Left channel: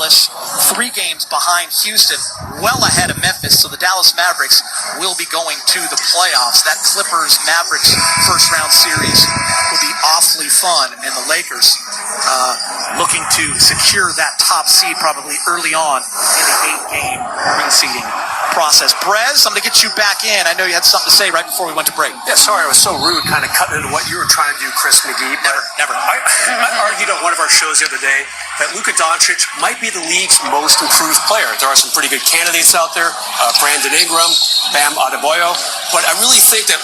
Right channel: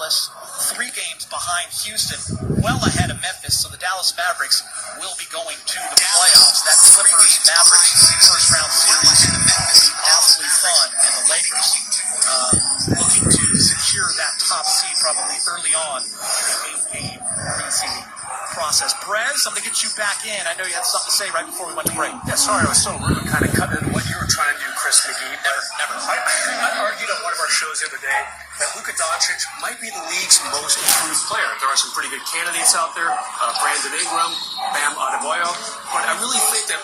Dallas 3 games behind Houston, well ahead of Memphis, so the Dallas Mavericks will be going to the playoffs. That Clippers-Mavericks first-round series will be awfully fun, and the Lakers looking to secure that top seed probably early on in the 8-game reseeding process. Brez, I'm going to get you back in. I know you had something to say right before we went to break. Yeah, sorry, I was so rude kind of cutting into what you were trying to do, Chris McGee. Never. I argued on one of our shows the other day that Luka Doncic might be the league's most improved player. There are some pretty good candidates out there, Brandon Ingram, Bam Adebayo, but I really think that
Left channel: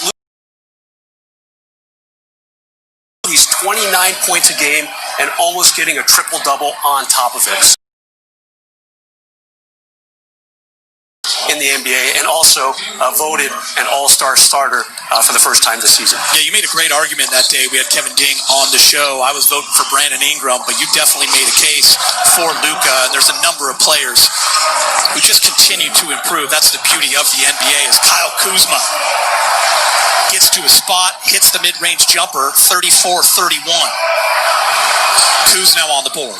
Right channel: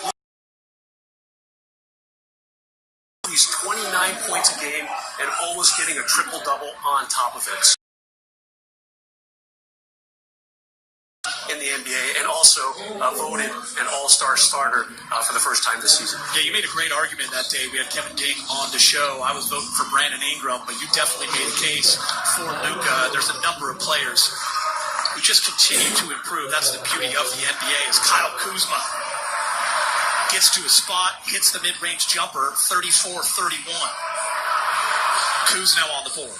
he's 29 points a game and almost getting a triple-double on top of it in the NBA, and also voted an all-star starter for the first time this season. Yeah, you made a great argument that day. We had Kevin Ding on the show. I was voting for Brandon Ingram, but you definitely made a case for Luka. There's a number of players who just continue to improve. That's the beauty of the NBA, is Kyle Kuzma gets to a spot, hits the mid-range jumper, 34-31. Kuz now on the board.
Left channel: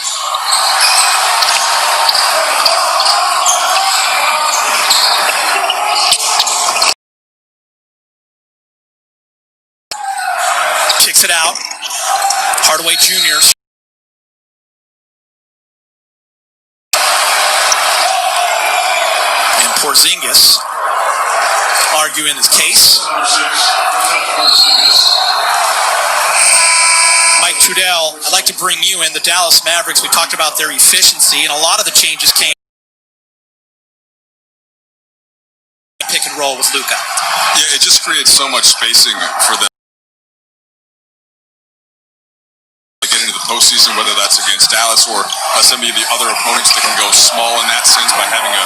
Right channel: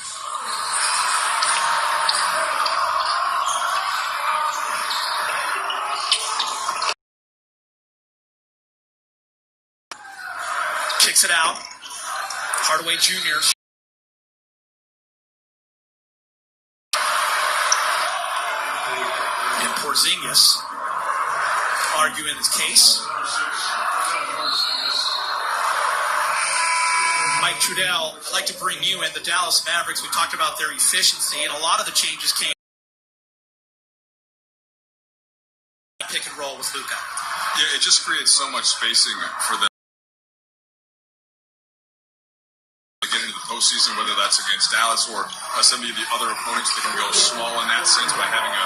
Kicks it out. Hardaway Jr. And Porzingis arguing his case. Mike Trudell, I'd like to bring you in. The Dallas Mavericks, we talked about their efficiency, and a lot of the changes came pick and roll with Luka. Yeah, it just creates so much spacing for them to get into the postseason, whether that's against Dallas or some of the other opponents that can go small in that sense by having a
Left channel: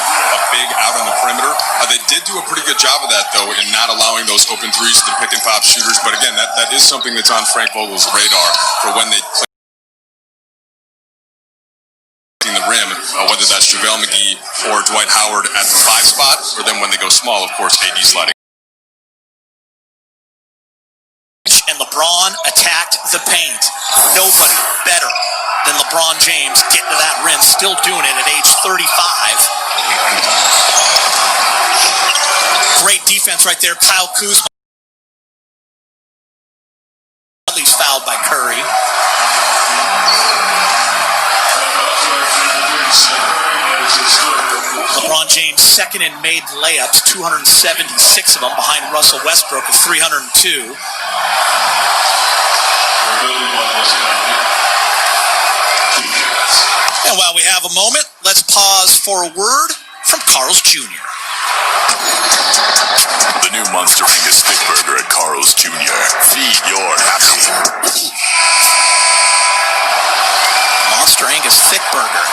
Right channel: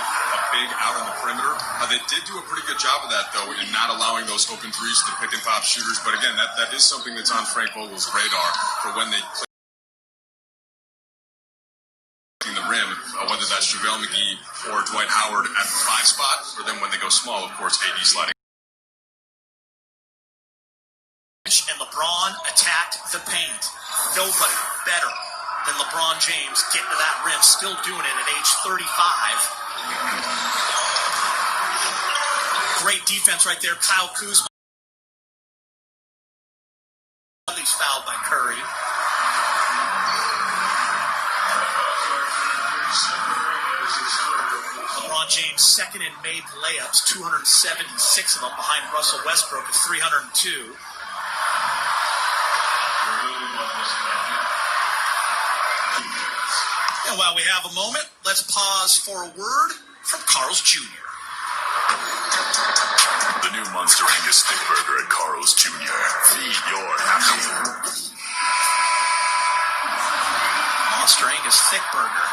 big out on the perimeter. They did do a pretty good job of that, though, in not allowing those open threes to the pick-and-pop shooters. But again, that is something that's on Frank Vogel's radar for when they play the rim, whether that's JaVale McGee or Dwight Howard at the 5 spot, or then when they go small, of course, AD sliding. And LeBron attacked the paint. Nobody better than LeBron James getting to that rim, still doing it at age 35. Great defense right there. Kyle Kuzma. He's fouled by Curry. LeBron James second in made layups, 276 of them, behind Russell Westbrook of 302. And while we have a moment, let's pause for a word from Carl's Jr. The new Monster Angus Thick Burger at Carl's Jr. Feed your happy. Monster Angus Thick Burger.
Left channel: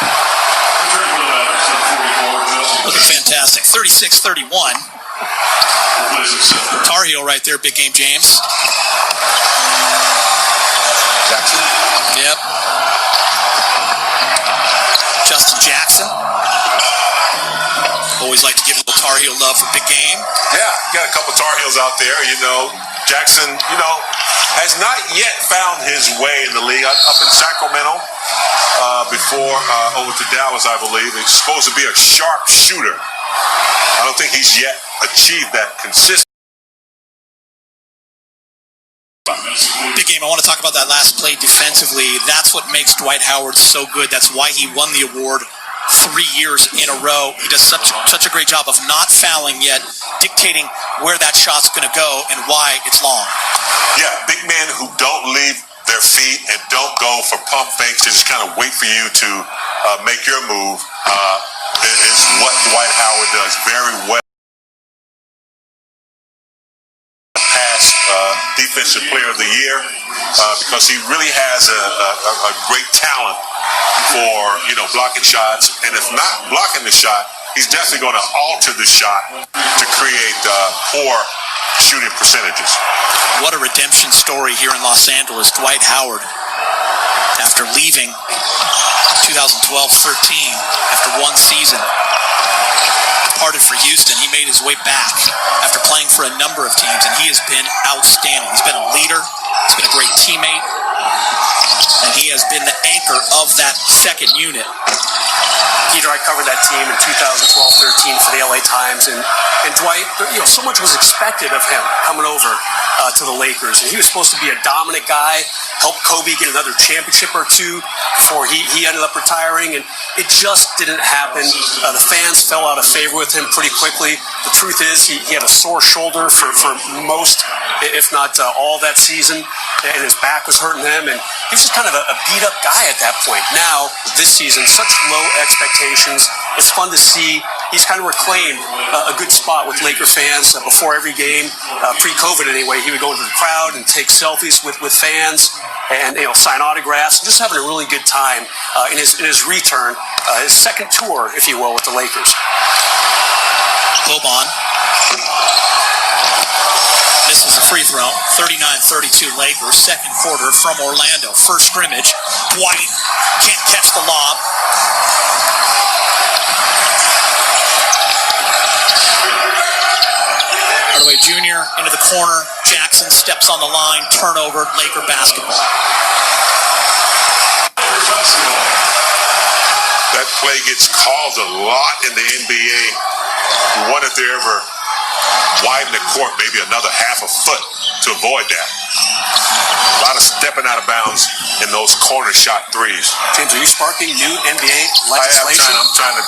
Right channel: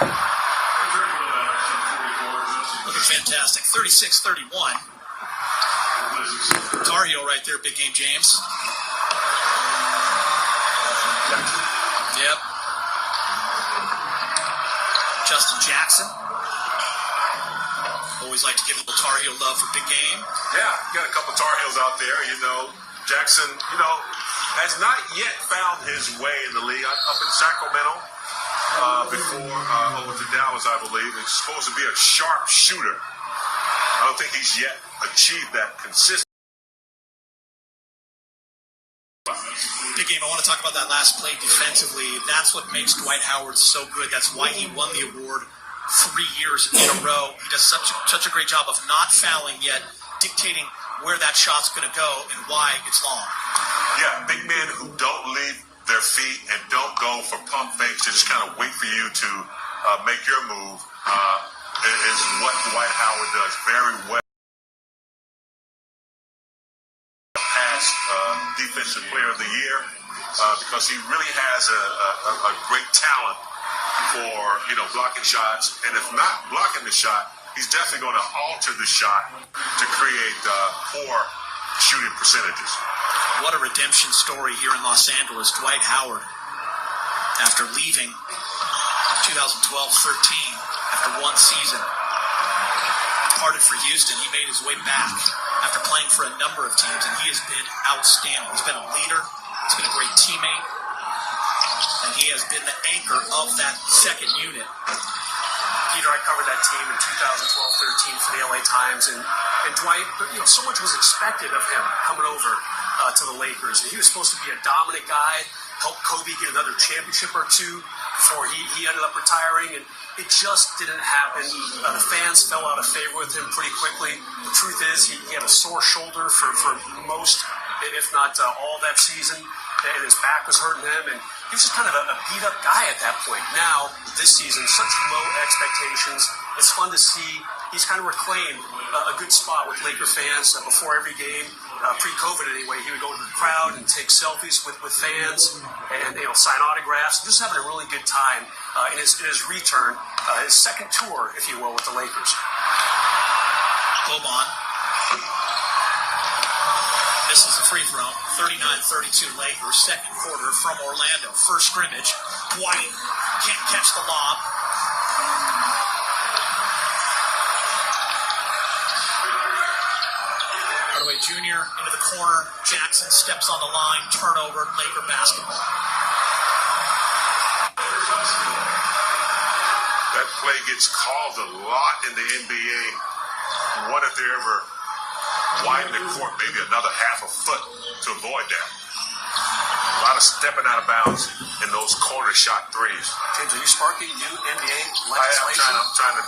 Looking fantastic. 36-31. Tar Heel right there, big game James. Jackson? Yep. Justin Jackson. Always like to give a little Tar Heel love for big game. Yeah, got a couple Tar Heels out there. Jackson, has not yet found his way in the league. Up in Sacramento before over to Dallas, I believe. He's supposed to be a sharp shooter. I don't think he's yet achieved that consistency. Big game. I want to talk about that last play defensively. That's what makes Dwight Howard so good. That's why he won the award 3 years in a row. He does such a great job of not fouling yet, dictating where that shot's going to go and why it's long. Yeah, big men who don't leave their feet and don't go for pump fakes and just kind of wait for you to make your move is what Dwight Howard does very well. Past Defensive Player of the Year because he really has a great talent for blocking shots, and if not blocking the shot, he's definitely going to alter the shot to create poor shooting percentages. What a redemption story here in Los Angeles. Dwight Howard, after leaving 2012-13, after one season, departed for Houston. He made his way back after playing for a number of teams, and he has been outstanding. He's been a leader. He's been a great teammate. And he has been the anchor of that second unit. Peter, I covered that team in 2012-13 for the LA Times, and Dwight, so much was expected of him coming over to the Lakers, and he was supposed to be a dominant guy, help Kobe get another championship or two before he ended up retiring, and it just didn't happen. The fans fell out of favor with him pretty quickly. The truth is he had a sore shoulder for most, if not all, that season, and his back was hurting him, and he was just kind of a beat-up guy at that point. Now, this season, such low expectations. It's fun to see. He's kind of reclaimed a good spot with Laker fans before every game. Pre-COVID, anyway, he would go into the crowd and take selfies with fans and sign autographs. Just having a really good time in his return, his second tour, if you will, with the Lakers. Boban misses a free throw. 39-32 Lakers. Second quarter from Orlando. First scrimmage. Dwight can't catch the lob. Hardaway Jr. into the corner. Jackson steps on the line. Turnover. Laker basketball. That play gets called a lot in the NBA. What if they ever widen the court maybe another half a foot to avoid that? A lot of stepping out of bounds in those corner shot threes. James, are you sparking new NBA legislation? I'm trying to,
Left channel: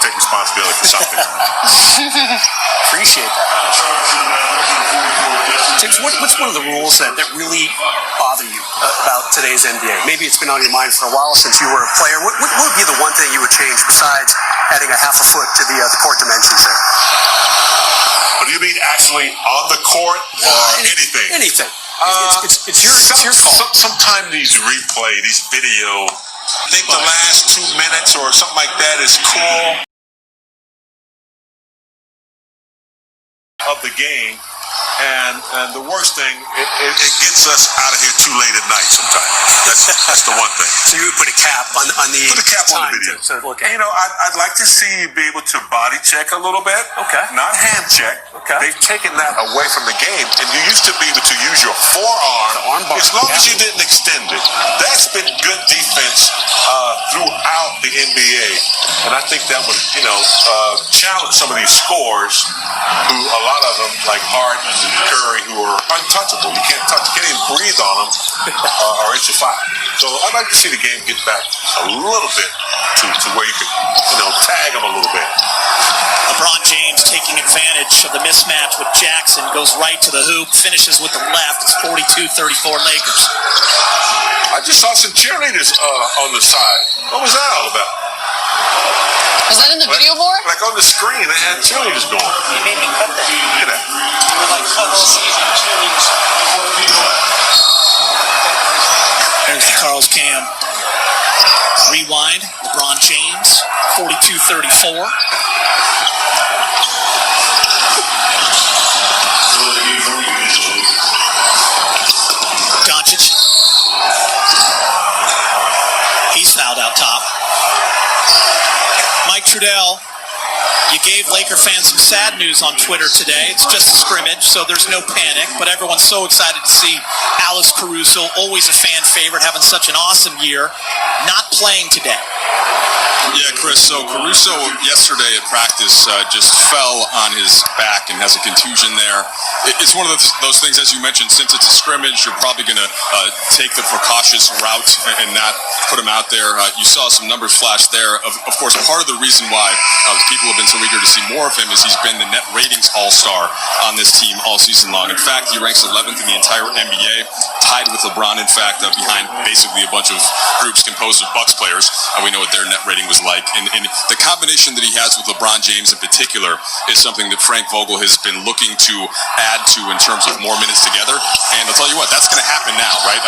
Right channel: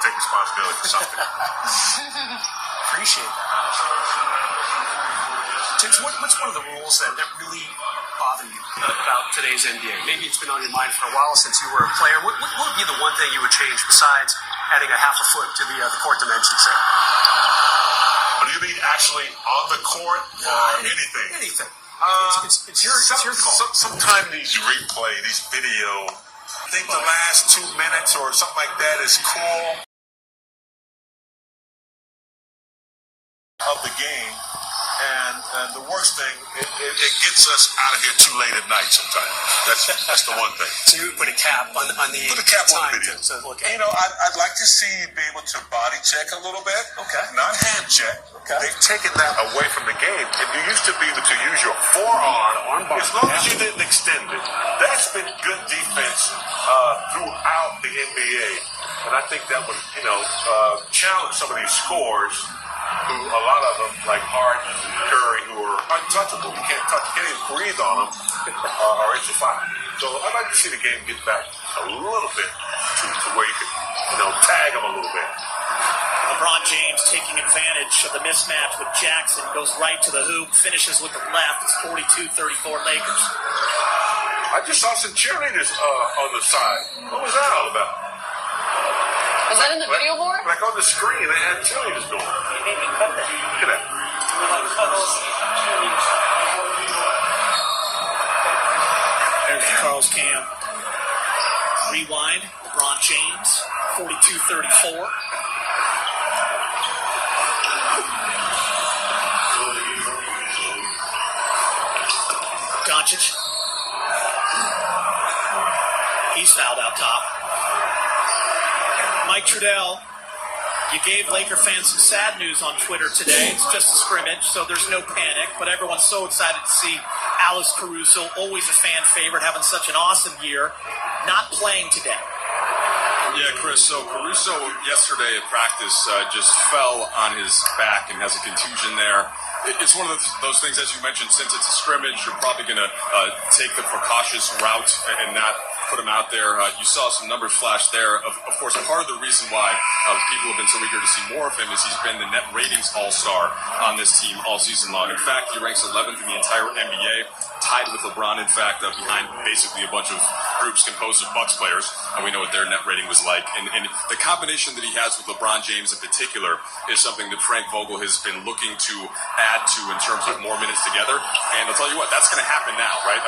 take responsibility for something. Appreciate that. James, what's one of the rules that really bother you about today's NBA? Maybe it's been on your mind for a while since you were a player. What would be the one thing you would change besides adding a half a foot to the court dimensions there? What do you mean actually on the court or anything? Anything. It's your call. Sometimes these video, I think the last 2 minutes or something like that is cool of the game. And the worst thing, it gets us out of here too late at night sometimes. That's the one thing. So you would put a cap on the put a cap on the video. To look at. I'd like to see you be able to body check a little bit. Okay. Not hand check. Okay. They've taken that away from the game, and you used to be able to use your forearm as long as you didn't extend it. That's been good defense throughout the NBA, and I think that would challenge some of these scores, who a lot of them like Harden and Curry, who are untouchable. You can't even breathe on them, or it's a foul. So I'd like to see the game get back a little bit to where you could tag them a little bit. LeBron James taking advantage of the mismatch with Jackson, goes right to the hoop, finishes with the left. It's 42-34 Lakers. I just saw some cheerleaders on the side. What was that all about? Was that in the video board? Like on the screen, they had cheerleaders going. You made me cut that. Look at that. You were like cut all season cheerleaders. There's Carl's cam. Rewind. LeBron James, 42-34. Doncic. He's fouled out top. Mike Trudell, you gave Laker fans some sad news on Twitter today. It's just a scrimmage, so there's no panic, but everyone's so excited to see Alex Caruso, always a fan favorite, having such an awesome year, not playing today. Yeah, Chris, so Caruso yesterday at practice just fell on his back and has a contusion there. It's one of those things, as you mentioned, since it's a scrimmage, you're probably going to take the precautious route and not put him out there. You saw some numbers flash there. Of course, part of the reason why people have been so eager to see more of him is he's been the net ratings all-star on this team all season long. In fact, he ranks 11th in the entire NBA, tied with LeBron, in fact, behind basically a bunch of groups composed of Bucks players. We know what their net rating was like. And the combination that he has with LeBron James in particular is something that Frank Vogel has been looking to add to in terms of more minutes together. And I'll tell you what, that's going to happen now, right?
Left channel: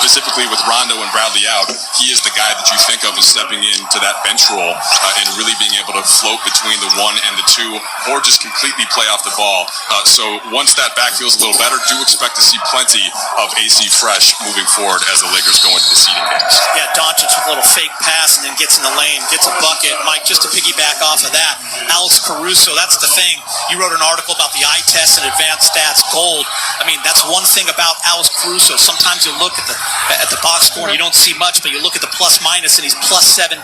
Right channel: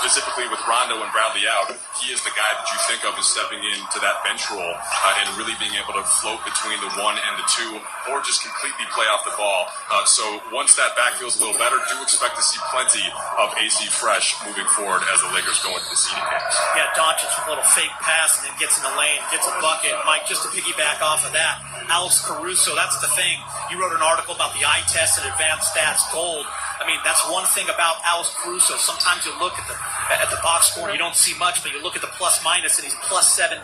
Specifically with Rondo and Bradley out, he is the guy that you think of as stepping into that bench role and really being able able to float between the 1 and the 2, or just completely play off the ball. So once that back feels a little better, do expect to see plenty of AC Fresh moving forward as the Lakers go into the seeding games. Yeah, Doncic with a little fake pass and then gets in the lane, gets a bucket. Mike, just to piggyback off of that, Alex Caruso, that's the thing. You wrote an article about the eye test and advanced stats gold. I mean, that's one thing about Alex Caruso. Sometimes you look at the box score and you don't see much, but you look at the plus minus and he's plus 17.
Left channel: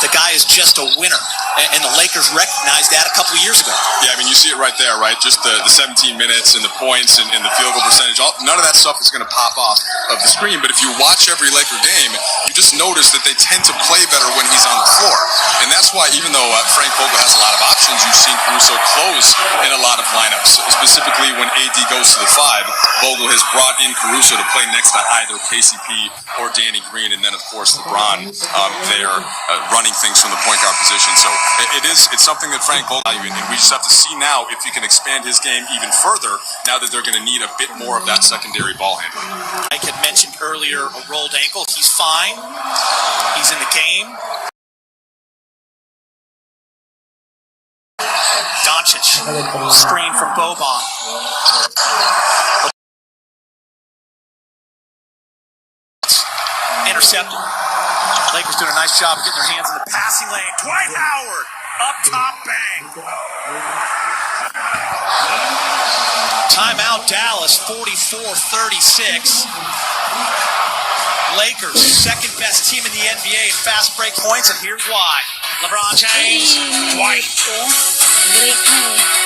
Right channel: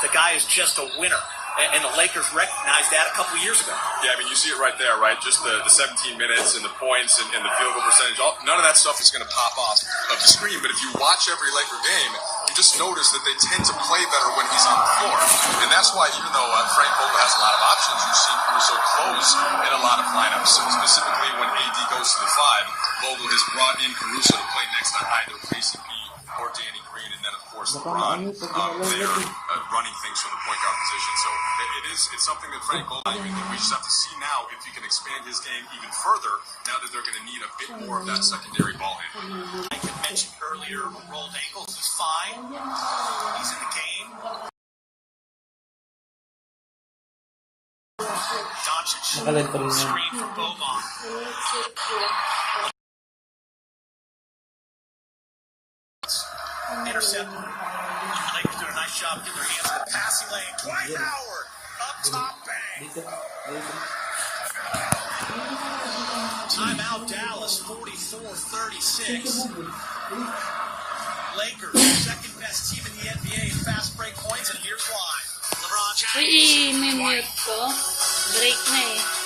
The guy is just a winner. And the Lakers recognized that a couple of years ago. Yeah, I mean, you see it right there, right? Just the 17 minutes and the points and the field goal percentage. None of that stuff is going to pop off of the screen. But if you watch every Laker game, you just notice that they tend to play better when he's on the floor. And that's why, even though Frank Vogel has a lot of options, you've seen Caruso close in a lot of lineups. Specifically, when AD goes to the 5, Vogel has brought in Caruso to play next to either KCP or Danny Green. And then, of course, LeBron there running things from the point guard position. So it's something that Frank Vogel, and we just have to see now if he can expand his game even further now that they're going to need a bit more of that secondary ball handling. Mike had mentioned earlier a rolled ankle. He's fine. He's in the game. Doncic, screen from Boban. Intercepted. Lakers doing a nice job of getting their hands in the passing lane. Dwight Howard, up top, bang. Timeout, Dallas, 44-36. Lakers, second best team in the NBA in fast break points, and here's why. LeBron James, Dwight. Break na eh.